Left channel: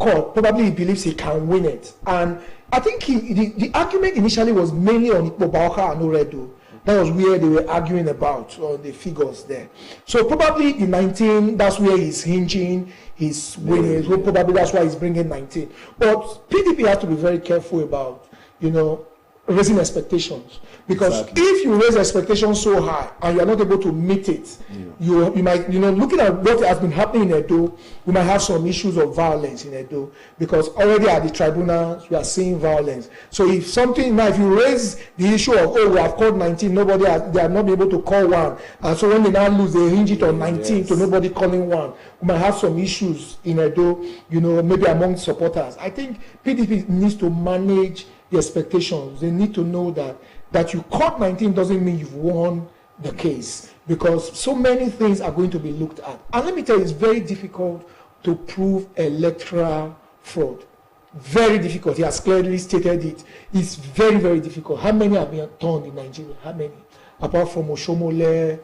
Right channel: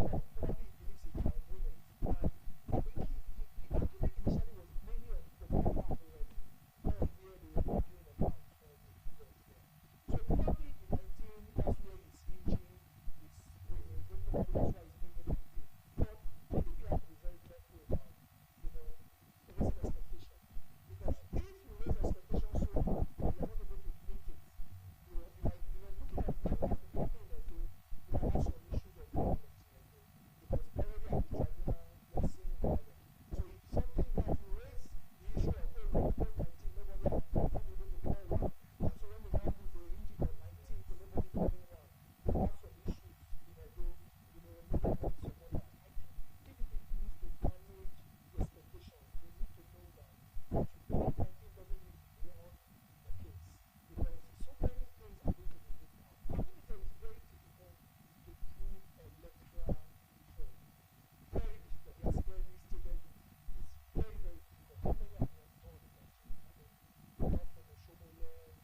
court, probably he believes he can win it. And I think the argument initially was mainly on Ikpobaoka and Oredo. That was where they were arguing about the figures there. So probably the 19, that's where he's hinging his winnings. Well, probably that's why he's bringing 19. But PDP has to be very careful about, raising expectations. Because if you raise expectations so high and you are not able to meet it, you might, looking at what has been happening in Edo, we might have some issues of violence in Edo. Because already at the tribunals, we are seeing violence. So if something, now if you raise the issue of, we have called 19, they are not able to call one. And so when they now lose, they hinge it on 19 to nobody calling one. We might have some issues in Edo, maybe among supporters. I think PDP needs to manage the expectations. They need to know that you caught 19 doesn't mean you've won the case, because so many things are going to be looked at. And let me tell you, it's very difficult to prove electoral fraud. Very difficult. He has clearly stated it. It's very, very difficult. How many have been done in Nigeria? How many? Apart from Oshomole,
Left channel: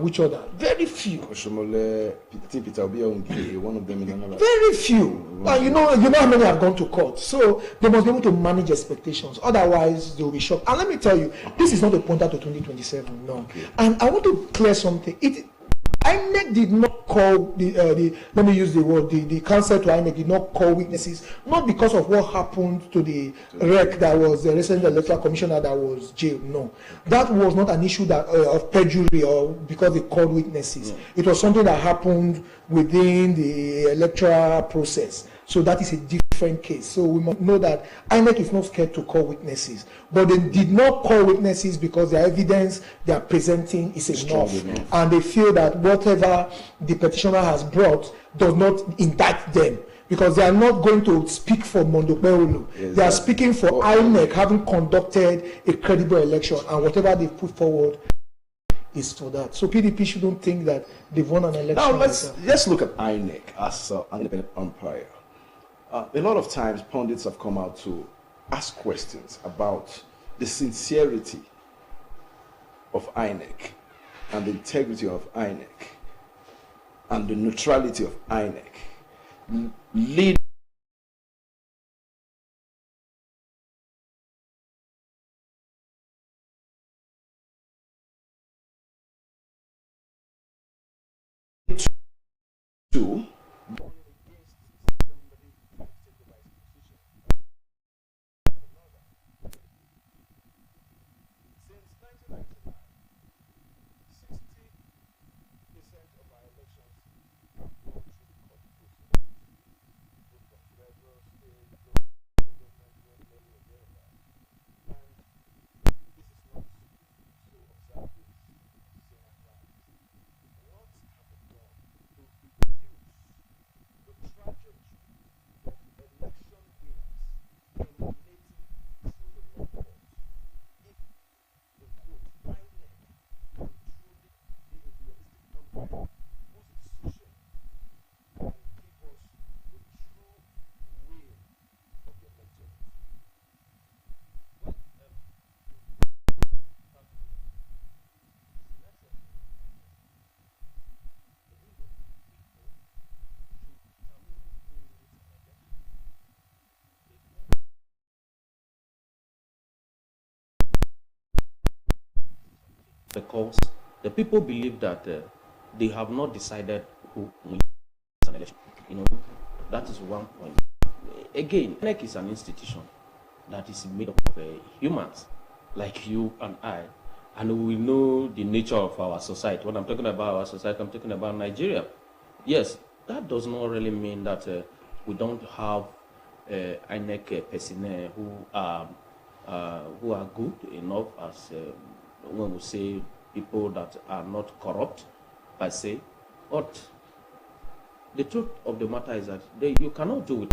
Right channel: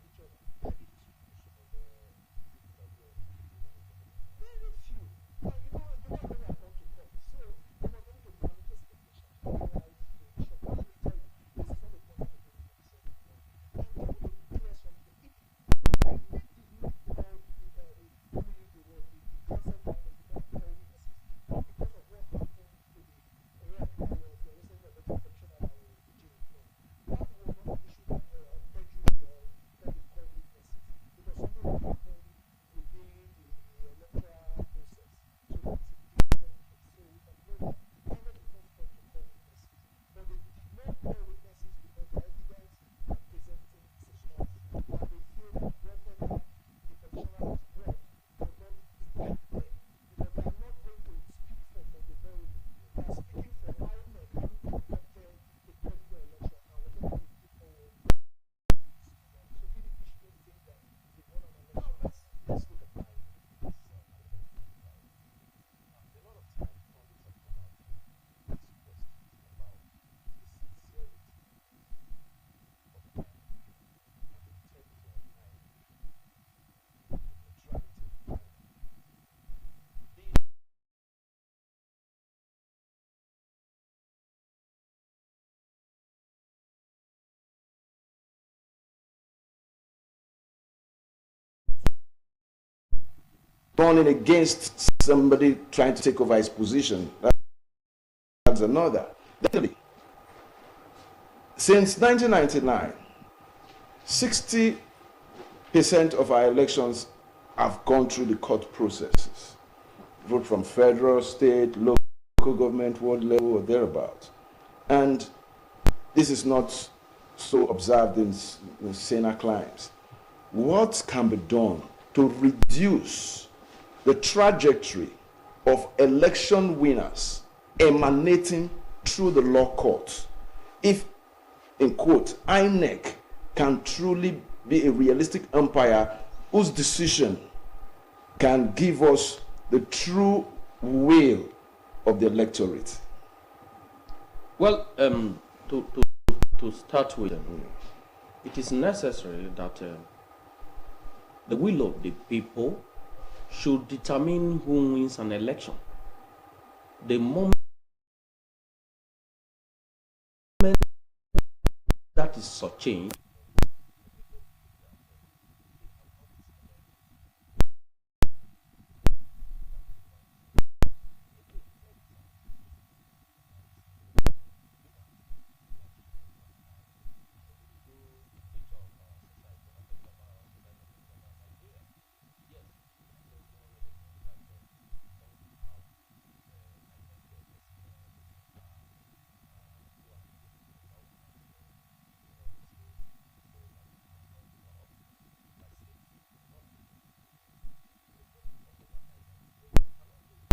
which other? Very few. Oshomole, Peter Obi, one of them in another. Very few. And you know how many have gone to court. So they must be able to manage expectations. Otherwise, they will be shocked. And let me tell you, this is not a pointer to 2027. No. Okay. And I want to clear something. INEC did not call let me use the word, the counsel to INEC did not call witnesses, not because of what happened to the wreck that was the recent electoral commissioner that was jailed. No, that was not an issue of perjury or because they called witnesses. No. It was something that happened within the electoral process. So that is a different case. So we must know that INEC is not scared to call witnesses. But they did not call witnesses because the evidence they are presenting is enough. And they feel that whatever the petitioner has brought does not indict them. Because they are not going to speak for Mondopeolu. They are speaking for INEC having conducted a credible election. And whatever they put forward is for that. So PDP shouldn't think that they've won an election. Now let's look at INEC as an independent umpire. A lot of times pundits have come out to ask questions about the sincerity of INEC and the integrity of INEC and the neutrality of INEC, leading to burning against somebody trying to take over his position. That's another. Definitely. Since 1999, 60% of our elections have gone through the court processes. Vote from federal, state, local government, world level, or thereabouts. And this is not so observed in saner climes. What can be done to reduce the trajectory of election winners emanating through the law courts, if, in quote, INEC can truly be a realistic umpire whose decision can give us the true will of the electorate? Well, to start with, it is necessary that the will of the people should determine who wins an election. The moment that is such change, because the people believe that they have not decided who wins an election. That is one point. Again, NEC is an institution that is made up of humans like you and I, and we know the nature of our society. When I'm talking about our society, I'm talking about Nigeria. Yes, that does not really mean that we don't have INEC personnel who are good enough, as when we say people that are not corrupt per se. But the truth of the matter is that you cannot do it